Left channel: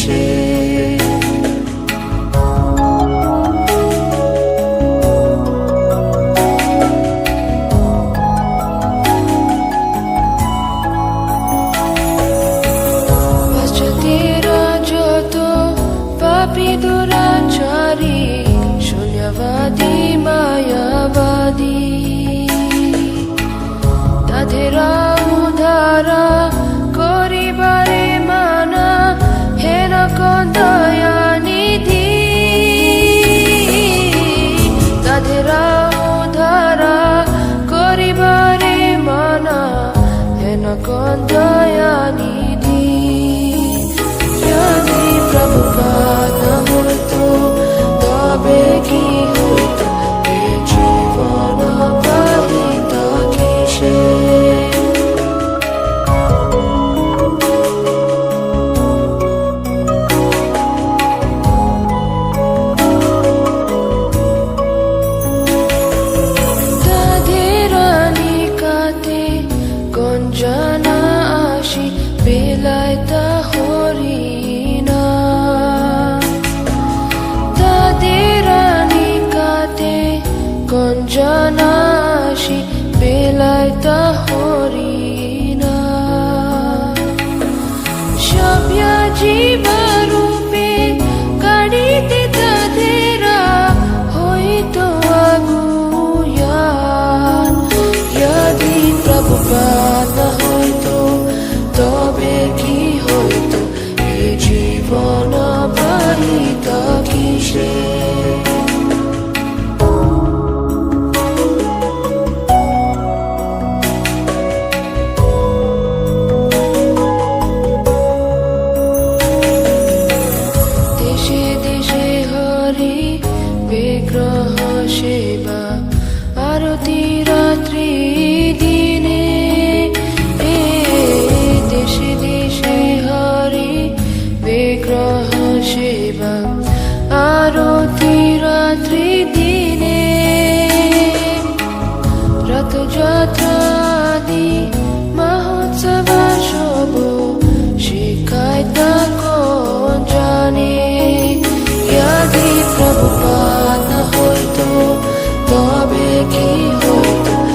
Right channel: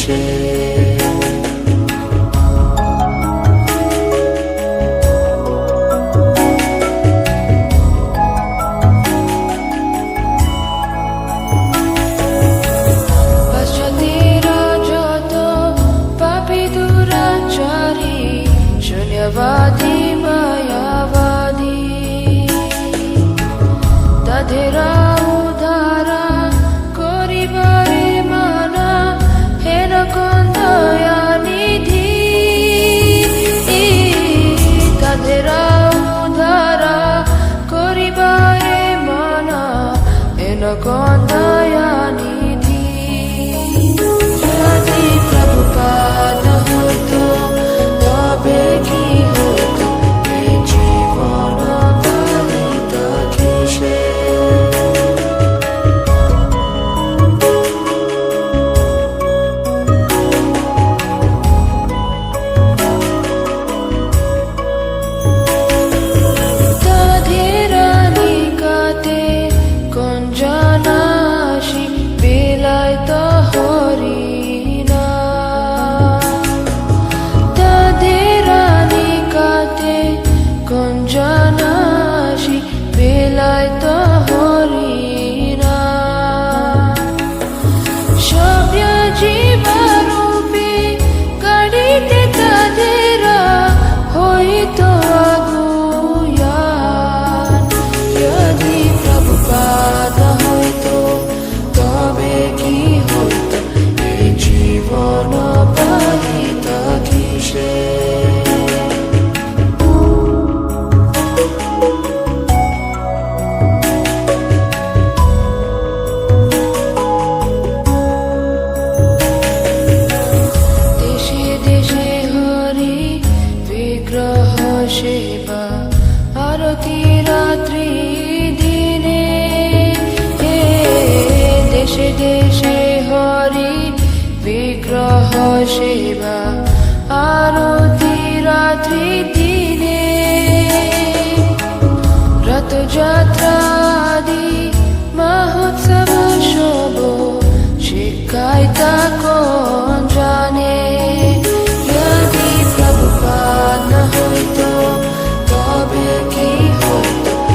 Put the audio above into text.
কিসে হেন দয়া নিধি যদি প্রভুপাত যদি হয়তো তবে কি হয়তো? এ জীবন পালিত কিসে দেশে দেশে হরি বিগ্রহ সেবা, আরতি রাত্রি দিনে। রথযাত্রা আদি মহোৎসব শুভ শিখায় তা কোন জানে? যদি প্রভুপাত হইতো তবে কি হইতো